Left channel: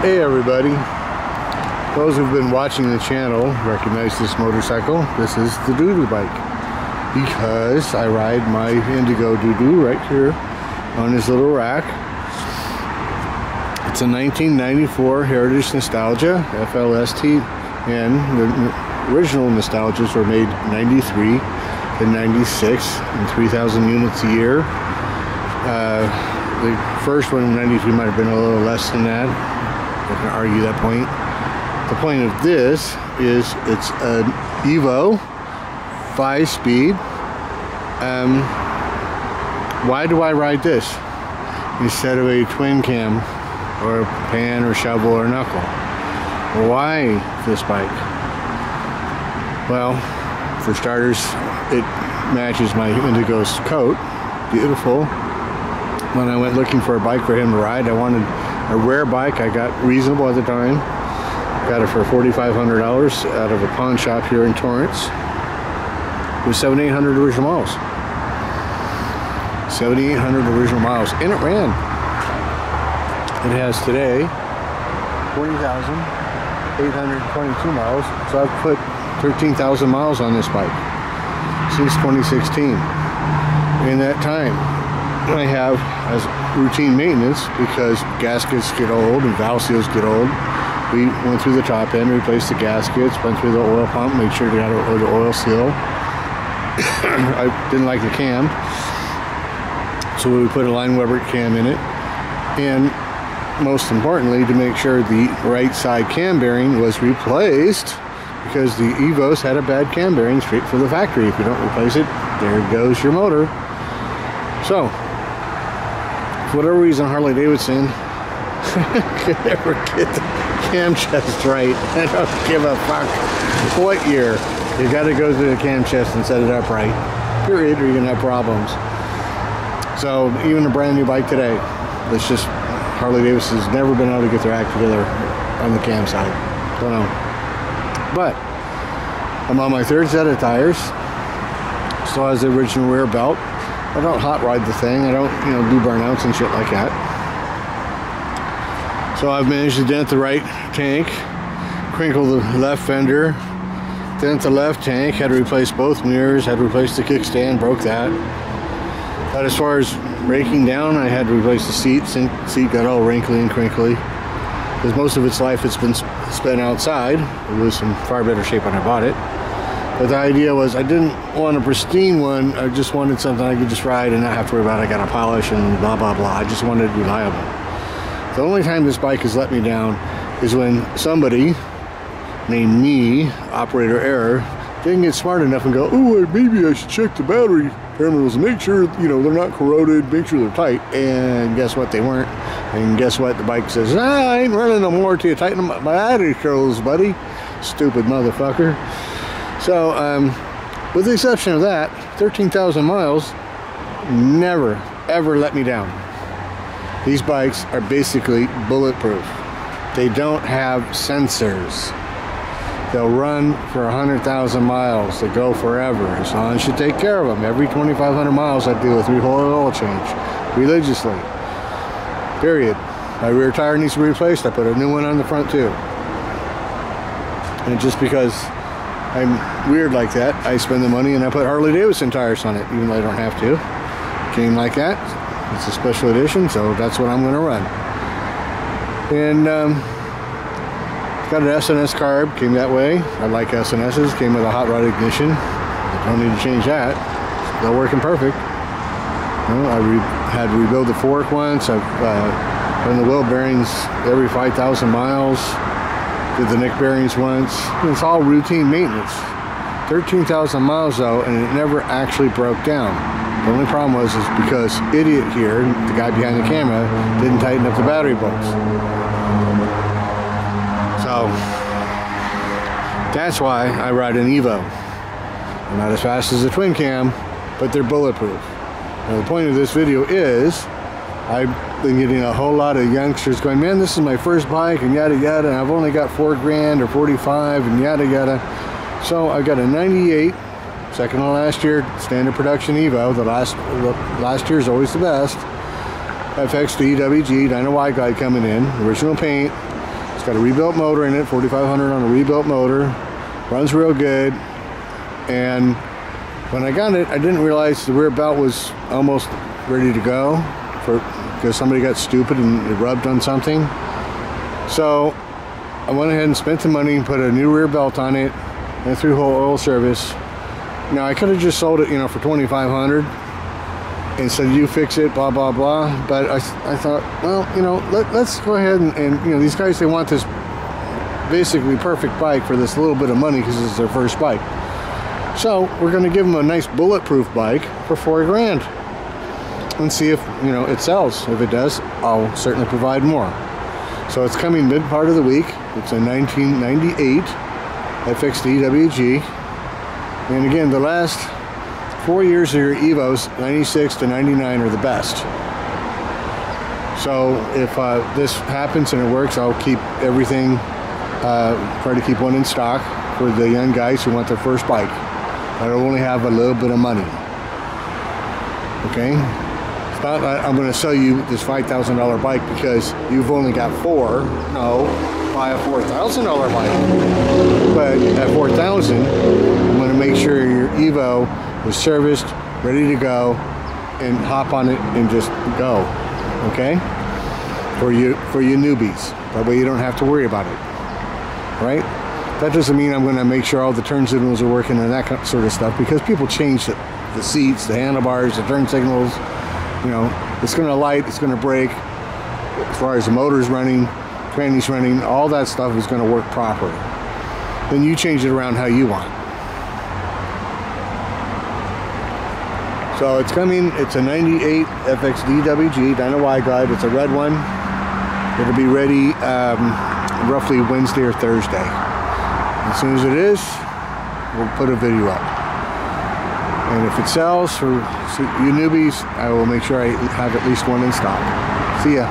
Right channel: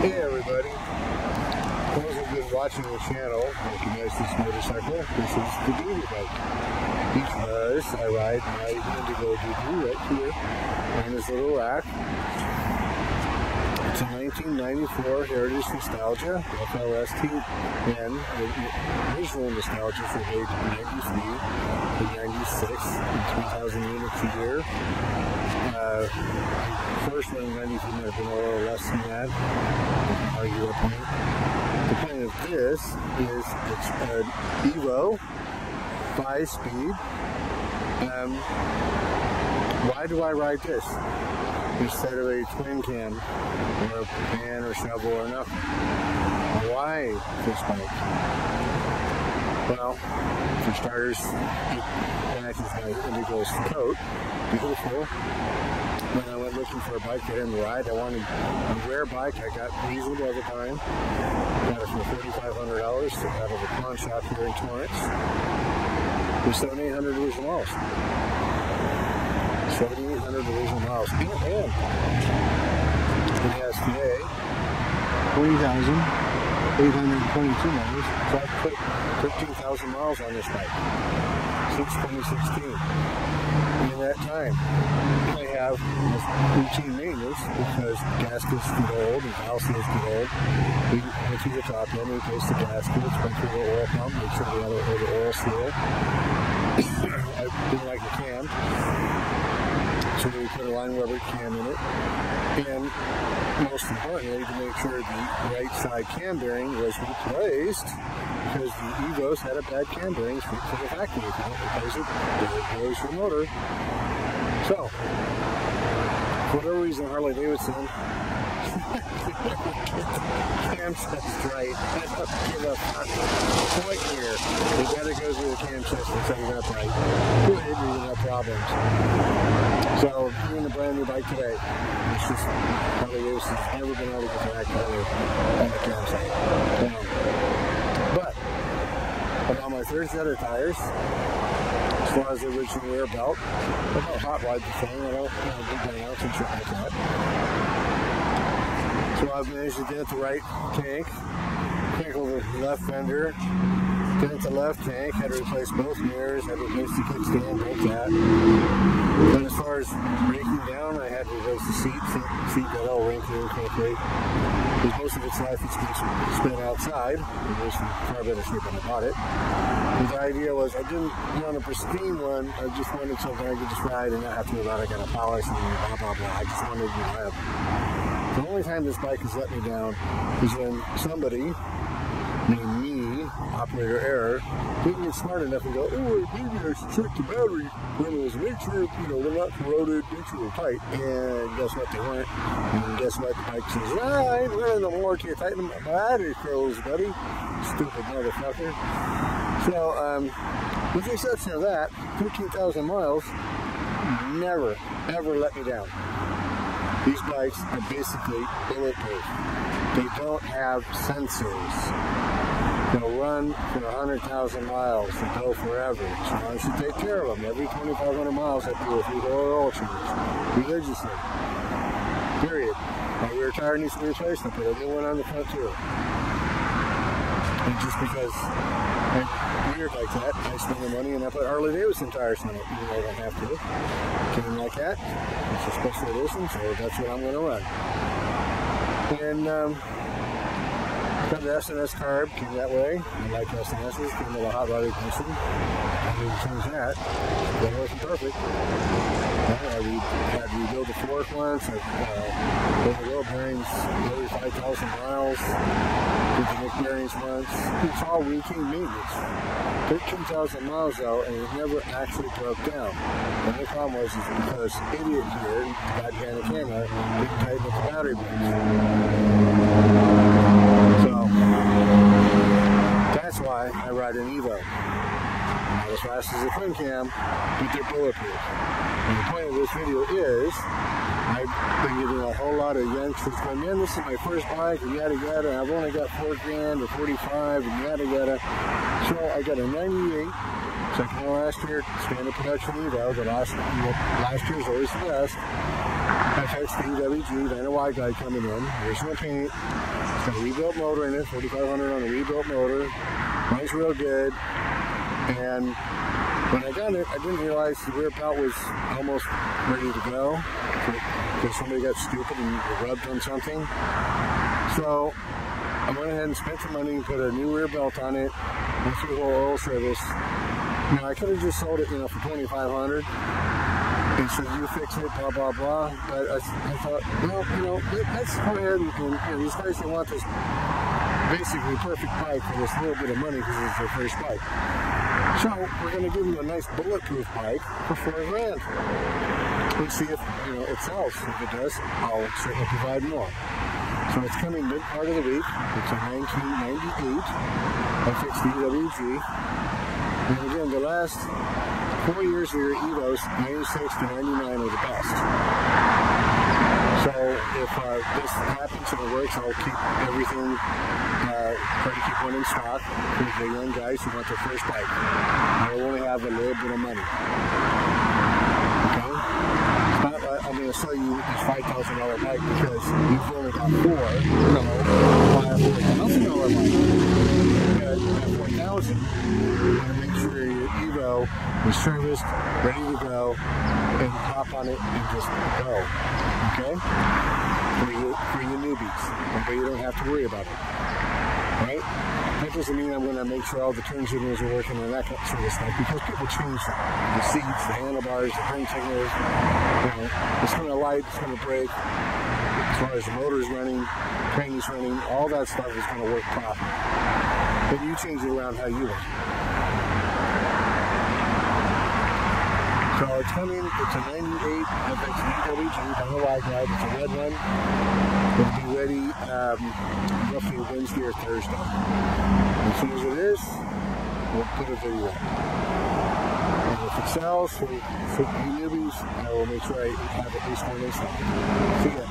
Hey everybody, those who've been watching the channel recognize this motorcycle. This is the doo-doo bike because I ride my Indigo doo-doo right here on this little rack. It's a 1994 Heritage Nostalgia FLST, and the original Nostalgias were made 93 and 96 and 3,000 units a year. The first one in 93 might have been a little less than that. I can argue that point. The point of this is it's an EVO 5-speed. Why do I ride this instead of a twin cam or a pan or shovel or knuckle? Why this bike? Well, for starters, it matches my Indigo's coat. Beautiful. When I went looking for a bike for him to ride, I wanted a rare bike. I got reasonable at the time. Got it for $4,500 out of a pawn shop here in Torrance. It was 7,800 original miles. 7,800 original miles. And it ran. It has today 20,822 miles. So I've put 13,000 miles on this bike since 2016. In that time, I have as routine maintenance because gaskets get old and valve seals get old. We went through the top end, replaced the gaskets, went through the oil pump, made sure we got the oil seal. I didn't like the cam, so we put a line Weber cam in it. And most importantly, to make sure the right side cam bearing was replaced, because the EVOs had a bad cam bearing straight for the factory. If you don't replace it, there goes your motor. So, for whatever reason, Harley Davidson could never get the cam chest right. I don't give a fuck what year. You got to go through the cam chest and set it up right. Period, or you're going to have problems. So, even a brand new bike today, it's just Harley Davidson's never been able to get their act together on the cam side. Don't know. But, I'm on my third set of tires. Still has the original rear belt. I don't hot ride the thing. I don't, do burnouts and shit like that. So I've managed to dent the right tank, crinkle the left fender, dent the left tank, had to replace both mirrors, had to replace the kickstand, broke that. But as far as breaking down, I had to replace the seat. Seat got all wrinkly and crinkly. Because most of its life it's been spent outside. It was in far better shape when I bought it. But the idea was I didn't want a pristine one. I just wanted something I could just ride and not have to worry about I got to polish and blah, blah, blah. I just wanted it reliable. The only time this bike has let me down is when somebody named me, operator error, didn't get smart enough and go, oh, maybe I should check the battery terminals and make sure, they're not corroded, make sure they're tight. And guess what? They weren't. And guess what? The bike says, I ain't running no more till you tighten my battery controls, buddy. Stupid motherfucker. So, with the exception of that, 13,000 miles never, ever let me down. These bikes are basically bulletproof. They don't have sensors. They'll run for 100,000 miles. They go forever. As long as you take care of them. Every 2,500 miles, I do a 3-hole oil change. Religiously. Period. My rear tire needs to be replaced. I put a new one on the front too. And just because I'm weird like that, I spend the money and I put Harley Davidson tires on it, even though I don't have to. Came like that. It's a special edition, so that's what I'm going to run. And got an SNS carb, came that way. I like SNSs, came with a hot rod ignition. Don't need to change that. They're working perfect. I had to rebuild the fork once. I've done the wheel bearings every 5,000 miles. Did the neck bearings once. It's all routine maintenance. 13,000 miles though, and it never actually broke down. The only problem was because idiot here, the guy behind the camera, didn't tighten up the battery bolts. So that's why I ride an EVO. They're not as fast as a twin cam, but they're bulletproof. And the point of this video is, I've been getting a whole lot of youngsters going, man, this is my first bike, and yada yada, and I've only got $4,000 or 45, and yada yada. So I got a 98, second to last year, standard production EVO. The last year's always the best. FX DWG, Dyno White Guy coming in, original paint. It's got a rebuilt motor in it, 4500 on a rebuilt motor. Runs real good. And when I got it, I didn't realize the rear belt was almost ready to go because somebody got stupid and rubbed on something. So I went ahead and spent the money and put a new rear belt on it and through whole oil service. Now I could have just sold it, you know, for $2,500 and said, you fix it, blah, blah, blah. But I thought, well, you know, let's go ahead and, you know, these guys, they want this basically perfect bike for this little bit of money because it's their first bike. So we're going to give them a nice bulletproof bike for $4 grand and see if, you know, it sells. If it does, I'll certainly provide more. So it's coming mid part of the week. It's a 1998 FX DWG. And again, the last 4 years of your EVOs, 96 to 99 were the best. So if this happens and it works, I'll keep everything, try to keep one in stock for the young guys who want their first bike. I'll only have a little bit of money. Okay? It's not I'm going to sell you this $5,000 bike because you've only got 4. No, buy a $4,000 bike. But at $4,000, I'm going to make sure your EVO is serviced, ready to go, and hop on it and just go. Okay? For you newbies. That way you don't have to worry about it. Right? That doesn't mean I'm going to make sure all the turn signals are working and that sort of stuff, because people change the seats, the handlebars, the turn signals. You know, it's going to light, it's going to brake. As far as the motor's running, tranny's running, all that stuff is going to work properly. Then you change it around how you want. So it's coming, it's a 98 FX DWG, dyno wide glide. It's a red one. It'll be ready roughly Wednesday or Thursday. As soon as it is, we'll put a video up. And if it sells for you newbies, I will make sure I have at least one in stock. See ya.